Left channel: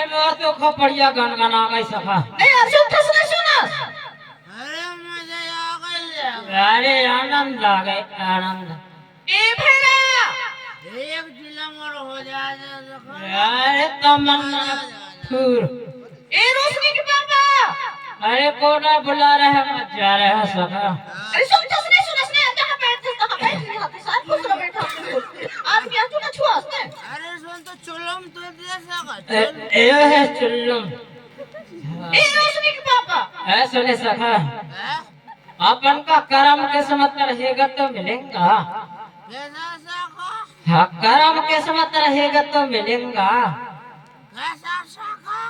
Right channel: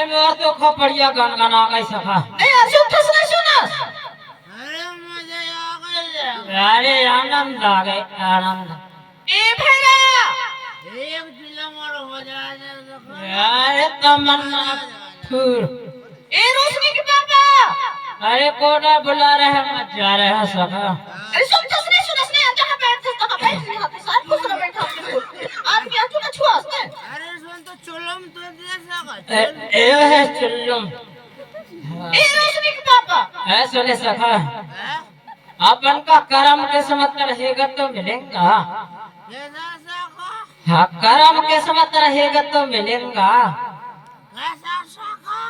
अरे मोर तो खोपड़िया गनगना गई सखा। नहीं यार सुन नहीं सुना। अरे मुझे आ गई। अरे आनंद आ गए आनंद। ए भेगा एक जिला मोर हो जाए। अरे तमन्ना फूल। ए रोशनी के पापा। अरे कोना बुला रहे हैं मत जा रहे हैं सखा। अरे सुन नहीं सुना सुने जहां बैठ साथ कुछ ना बैठा आप क्या तू ना छुआ उसने। अरे सुन तो चुलम तो दे सका। ए है चुल्लुम। ए रोशनी के पापा। है सुने सखा। अपन का कर्म किस्मत रहेगा तो मिलेगा। कैसा सका? हाँ कर्म किस्मत रहेगा तो मिलेगा। कैसा सका?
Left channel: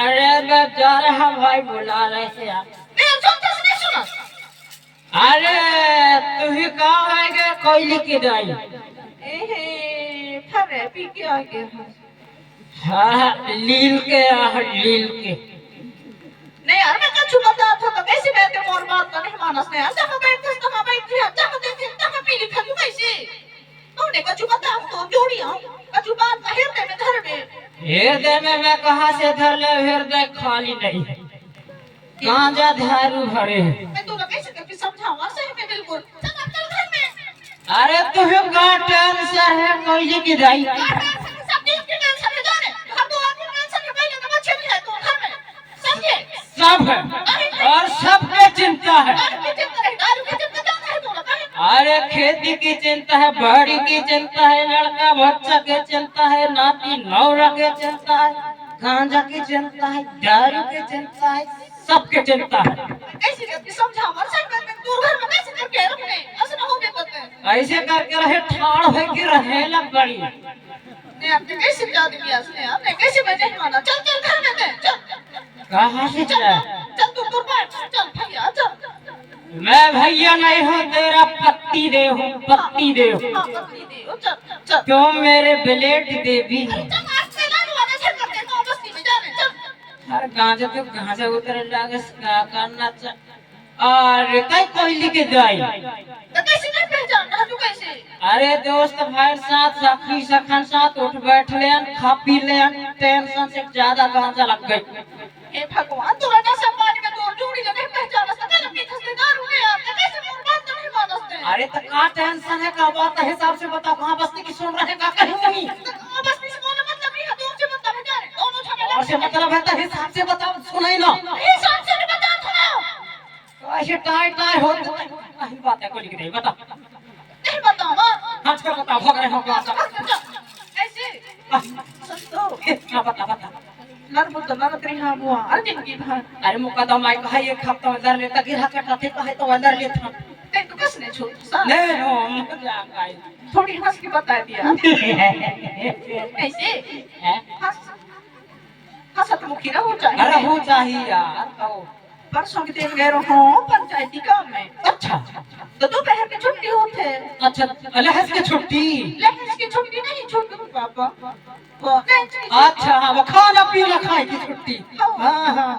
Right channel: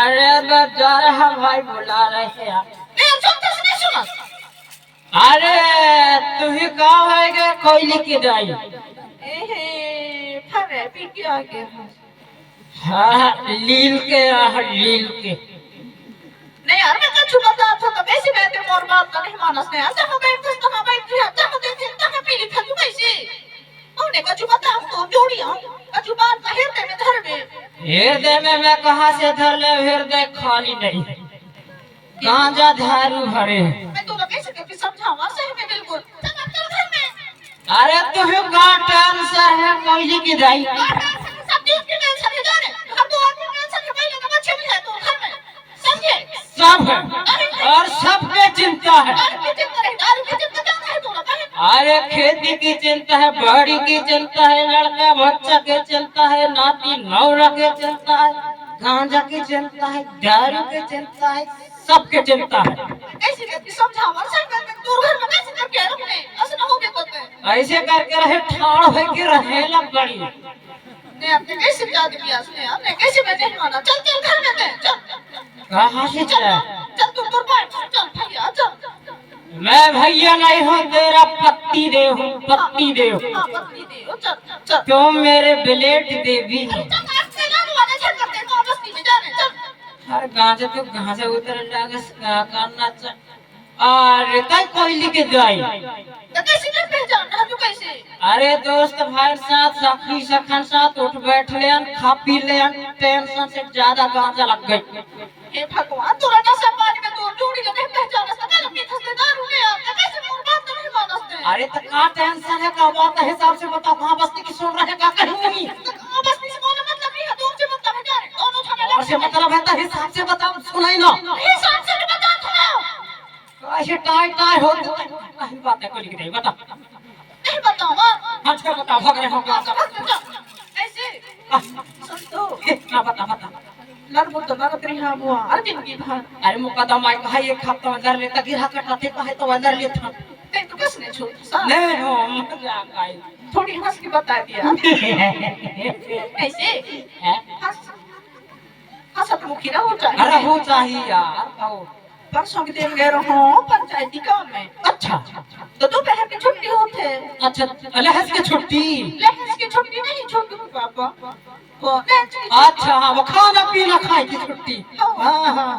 अरे मैं जा रहा भाई बुला रहे हैं यार। नहीं सुन नहीं सुना। अरे तू ही कहाँ है के कोयले की दाई। ए फरे पी के आ गए। हाँ लील के नहीं यार मैं कछु बता था कैसे बैठे मोर बात नहीं मानस ने जहां बैठे जहां पी लिखा तू कैसे ओने कछु बता तो जोड़ी हम कछु बात नहीं हृदय में धर में। हृदय में मैं कहाँ से धर ले हृदय खाली नहीं गांजा धारू भरे। मैं तो कैसे करके समझाऊंगा सही में बिल्कुल सब चल घर में। अरे तुम्हें गांठ से है कोयले की दाई। सब चीज के टेंशन है जाने हम तो आपकी टेंशन है भाई का बच्चे भी है तो घर में समझे। सब है और सबके चिंता है। दारू की चिंता क्या है तो अरे खेती की चिंता है बाड़ी की चिंता है लड़का बच्चा की चिंता है नाती नौरा की चिंता है गांजा की चिंता है दारू की चिंता है सबके चिंता है। कैसे करके समझाऊंगा सही में दूर घर में कैसे करके रखने ऐसा ना हो बे पता ऐसे करके रहे ठाड़ हो के रहे लग बड़ी। ने आपने कैसे याद किया उसने आपने कैसे बैठे माना चल चल घर में दे चल कहाँ से जाए चल तू दूर बैठ चल भैया चल। मैं भैया नहीं हूँ तेरा पत्ती दे हूँ पत्ती दे हूँ। हां पत्नी दे चल चल तुम मेरे ब्लेड देवी हो। चल आज से ना वाले चल करते तो बस्ती में जाने चल। हर गांजे तो गांजे उतर लागे करना चल और कई कोयली के जाई। तो कैसे नहीं पहचान रहा तू कैसे। अरे दोस्त भाई साथ सखी सखन साथ उठ बैठ ले खा पी ले टेंशन से ज्यादा गांजा लग गई। हे भगवान तोरा ना सम्मान में तोर जोड़ी जो नहीं पहचान सकता अपनी खस्तेदार हुए आप कैसे मोर बात नहीं मानते। अरे तो का टेंशन है का बात है हिसाब से बता कहाँ बस्ती की सुन रहे का कहीं नहीं। तो बस्ती से बोलने मतलब नहीं है दूर से मतलब है जाने दोनों झगड़े और से मतलब है तो हिसाब से बता सुनाई ना हिसाब से नहीं बता थोड़ा ऐसे टाई टाई हो नहीं बात है कोई नहीं बता नहीं बताऊंगा आज का बता भग रहे हो का ऐसे सस्तो क्या बता बता नरमुत तो नरत्री हां बुआ अंतिम की भान। अरे मुकदमा आई कहा एक हफ्ता में दर लेता गिरा कटा थे कहे तो अंदर ले था ते तो किसने छोड़ सा नहीं हो मजाक आई थोड़ी हंस के बता दिया ऐसे हंस हंसत मुखी ना हो जाए। अरे हो चाहिए यार कहो परसों के दिन गए रहो पंचायती काम में। अच्छा तो दोपहर की छुट्टी होते अच्छा अलहस की छुट्टी। लेकिन इसकी छुट्टी नहीं छोटू पापा वो लंच की अच्छा हाँ वो खाना पीना खाए की छुट्टी। हाँ हाँ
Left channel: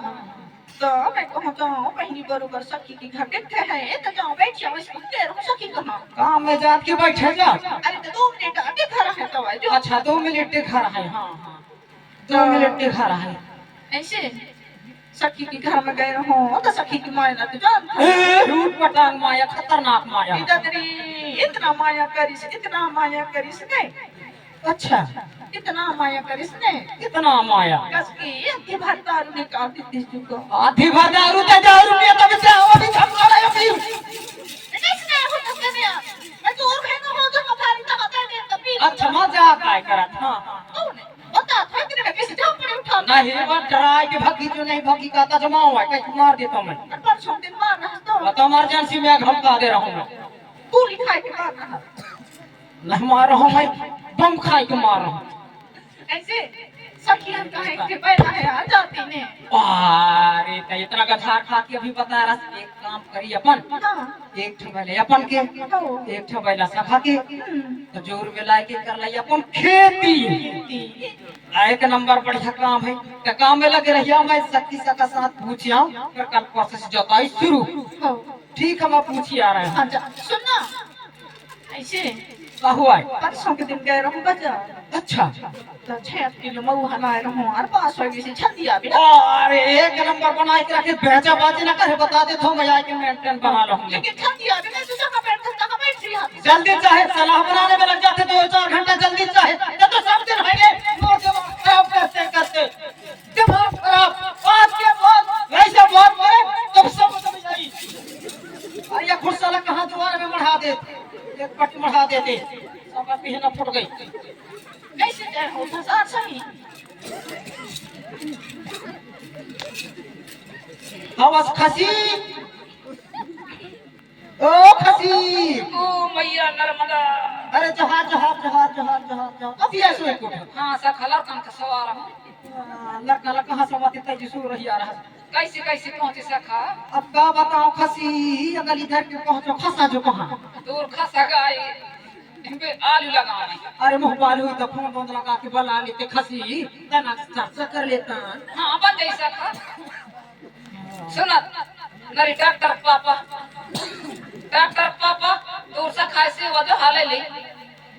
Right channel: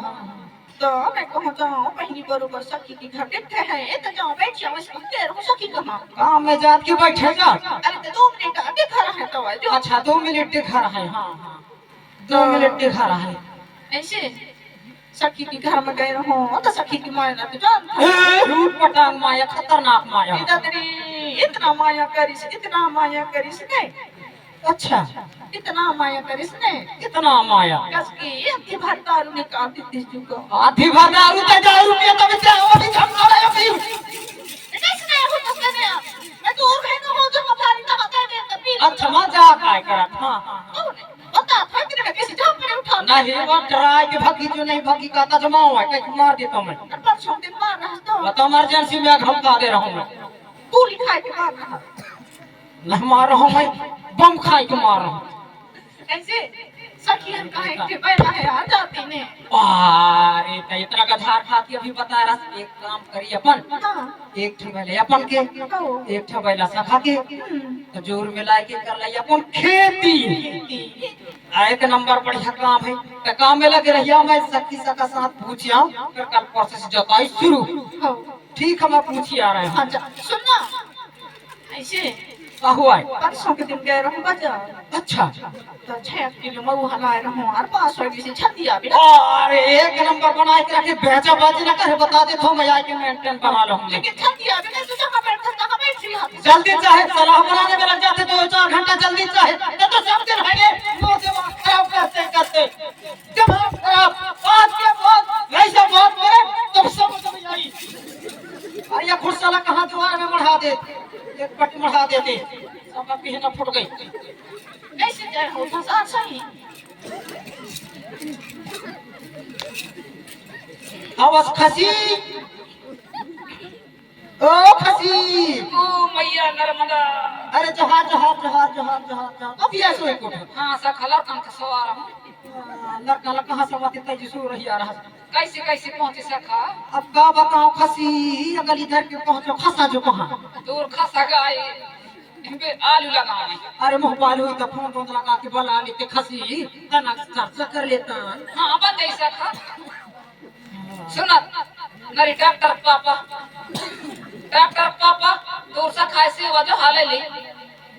तो मैं कहूँ जाऊँ पहली बरोबर सखी की घर देखते हैं तो जाऊँ बैठ जाओ इसको देर हो सखी कहाँ काम में जात के बैठेगा। अरे तो 2 मिनट आगे खड़ा है तो जो अच्छा 2 मिनट दिखा रहा है। हाँ हाँ 2 मिनट दिखा रहा है। ऐसे सखी के घर में गए रहो तो सखी की माया ना तो जानते रूट पटांग माया खतरनाक माया। इतना माया करिस इतना माया करिस नहीं। अच्छा इतना माया करिस नहीं कितना माया कस के आधी भर दारू निकाल दी तुझको आधी दारू ते दारू पिया तब से और भी झगड़ा रहे अभी कैसे हो तो से मैं तो और कहीं हो जो हमारी तो बता दे तभी। अच्छा मजाक आए करत। हाँ बता था कि मैं कैसे जाऊं पर उठा नहीं और डराए के भगी जो नहीं भगी कहता जमाओ है कहीं मार देता मैं परसों दिन मार रहा तो बता इमरजेंसी में धमका दे रहा हूँ मैं तू लिखाई के मार रहा न मार रहा हूँ मैं बम खाई के मार रहा हूँ। ऐसे सखियन कहे के बैठा है आ जाती ने अरे तो इतना गधार खा के अभी बता रहा एक काम करी अपन एक ठबैले अपन के एक ठबैला सखा के तो जोर मिला के कर ले अपन खेती। एक नंबर बढ़िया काम है तो काम में लगे रहिया मैं सखी सका साथ पूछिया फिर कल प्रोसेस जोताई शुरू। ठीक है मैं पूछी आ रहा हूँ। अच्छा सुनना ऐसे का हुआ है? परसों के दिन गए रहूं बाजार अच्छा तो 6 किलो मऊ हलाए रहूं और 500 की छतिया भी अरे एक नंबर बना के रखे बेचा बाजी ना करे बता दे तो मैं आके मेंटेन बना लूंगा लेकिन छतिया भी नहीं तो जगह बैठ रही हाथ जल्दी चाहे सलाह बनाने में लग जाते 2-4 घंटा जल्दी चाहे ये तो सब दिन है दिमाग खराब करते करते दिमाग खराब बात के बाद ऐसे बात करे तो सब समझ आई अरे ये खुरसाला कहां द्वार में मढ़ा दे एक पट मढ़ा देते सब पीछे न फुट गई नहीं से जाए हो तो साथ सही आवाज खसी ओ खसी ओ मैया नर्मदा अरे जहाज जहाज जहाज जहाज जहाज जहाज अभी ऐसे एक उठा हां सा खलर कन का सवार हूं लड़का लड़का कहां से बातें तेजी सो रही आ रहा कैसे कैसे पहुंचे सखा अब का बताओ खसी अगली इधर के पहुंचो खसा जो कहां दूर खसा गए इनके आलू लगावे अरे मुंह बाल हुई तो फोन बंद लगा के बुला लेते खसी तना चर्चा कर लेता हां बंदे सखा सुना नरी डॉक्टर पापा दूर से खाए से वजह हाले ले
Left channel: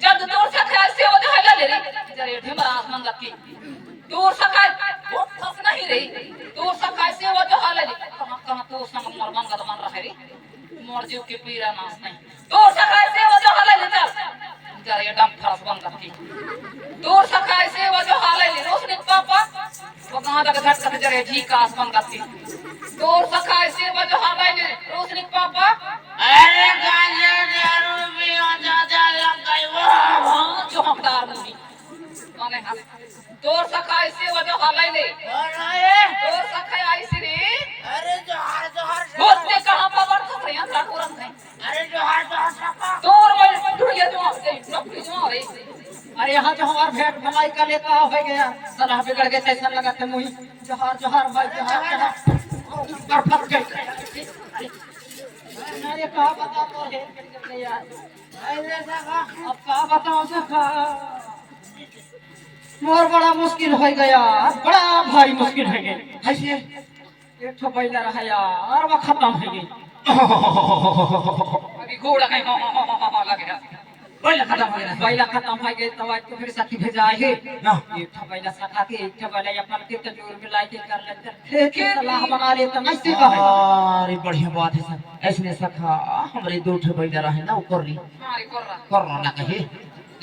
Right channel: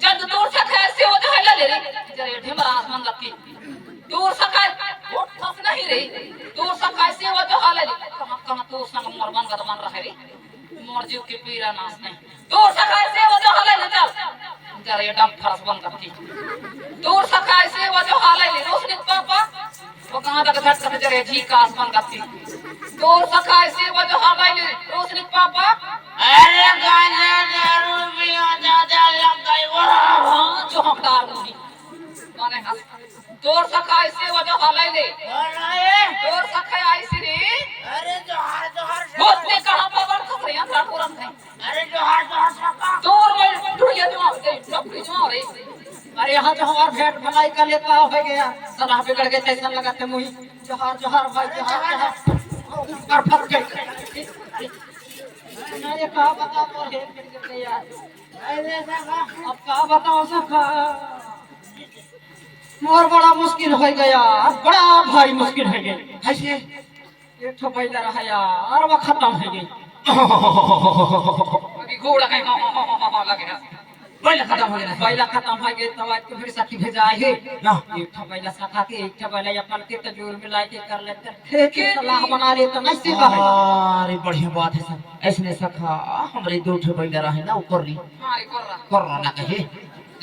जब दूर से खाए से वजह हाले ले जरे ढिमरा आसमान गति दूर से खाए वो फस नहीं रही दूर से खाए से वजह हाले ले कहां तो संग मर बन गत बन रहे रे मोर जीव के पीरा नाश नहीं दूर से खाए से वजह हाले ले चल जरे डम फरस बन गति दूर से खाए से वजह हाले ले रोशनी पापा वो कहां तक झट कर जरे जी का आसमान गति दूर से खाए से वजह हाले ले रोशनी पापा अरे गांजा दारू पियो ज्यादा लग गई वो जो हकदार मुझी माने हंस तोर सखा ऐसे वजह हालाई ले तोर सखा ऐसे रे अरे जोहार बहुत ने कहा पवन खस रहे हैं तुरंत नहीं अरे जोहार सका तोर में दुनिया जो दे सब कुछ हो रे अरे यहाँ जोहार भेंट भलाई का लेका हो गया सलाह बिगड़ गए तैसा लगाते मुही जोहार जोहार भाई जोहार जोहार पर फट गए अरे का बता तो है यार अरे सका अब का बताओ सखा मोर बड़ा मुश्किल हो गया बड़ा भारी मुश्किल हो गई ऐसे एक ठो बैला रहा यार वो खत्म हो गई अभी घोड़ा है लग गया बैला खत्म हो गया बैला खत्म हो गई तो आज तो फिर साथी भेजा है ना एक ठो बैला सखा के एक ठो बैला अपन के तो जोर मिला के कर लेते के सलाह बना ले तो कैसे कहे अरे बढ़िया बात है सर ऐसने सखा हमरे दो ठो बैला रहे ना ऊपर री मारी कर करना ना कहे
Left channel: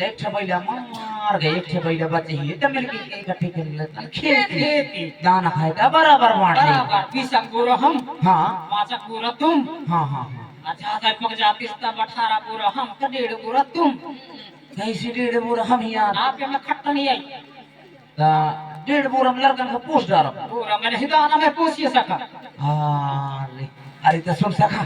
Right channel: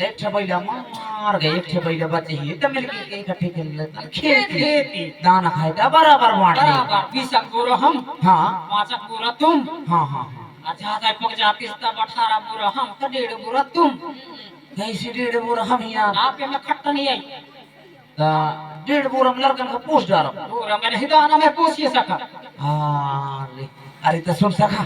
एक ठो बैला मार गए एक ठो बैला बचे ही तो मिलके इकट्ठे कर लेता खेत खेत दाना खाए का बराबर बांट ले बराबर पीसा पूरा हम हाँ पांचा पूरा तुम हाँ हाँ हाँ अच्छा तो पक जाती तब 18 पूरा हम तो 1.5 पूरा तुम कैसे 1.5 बोरा हम यार आप में खट्टा नहीं आई ता 1.5 बोरा हम लड़कन का पोस्ट डालब पूरा मैंने हिदाना में पूछिए सका अरे अरे तो सुन सखा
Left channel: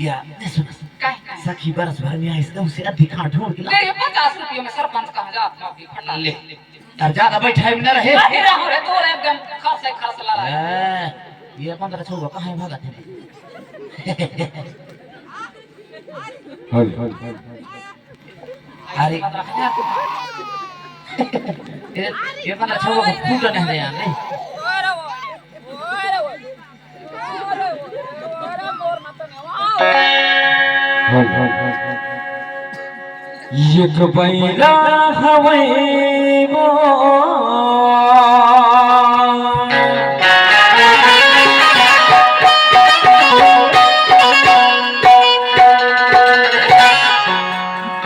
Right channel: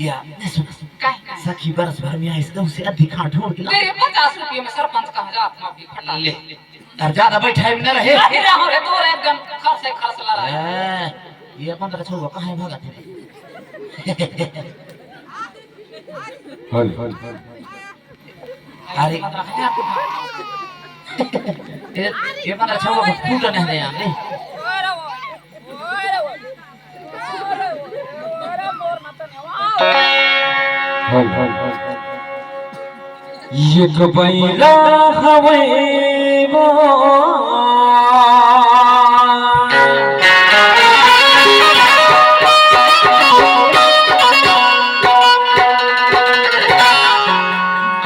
या नहीं सुन काय सखी बरस भर में इस गांव से अधिक खाट ढूंढ के ला तेरे 50 रुपये में सरपंच कहां जात ना भी फटा ले अब ज्यादा बैठा भी ना रहे नहीं रहो रे तोरे एकदम खर्च ला रहा है ये अपन का छोड़ कहां भागा थे अरे ये अपन का छोड़ फूट नहीं यार नहीं एक बैला हवे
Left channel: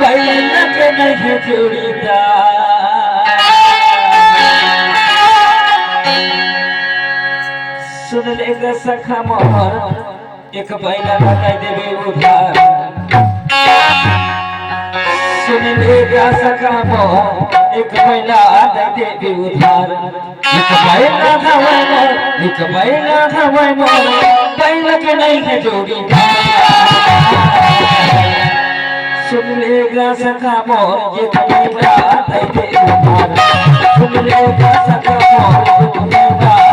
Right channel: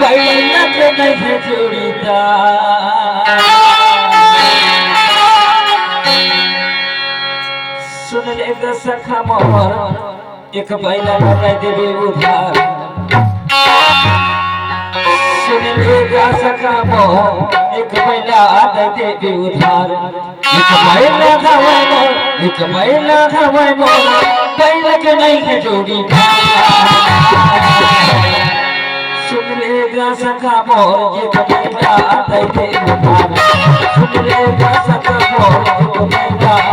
बैला के नहीं जोड़ीदार सुन लेगा सखा मोहर एक बैला लगाई देवे उधार सुन लेगा सखा मोहर एक बैला लगाई देवे उधार एक बैला हवे मोर एक बैला हवे मोर बैला के नहीं है जोड़ीदार सुन लेगा सखा मोर एक बैला लगाई देवे उधार सुन लेगा सखा मोर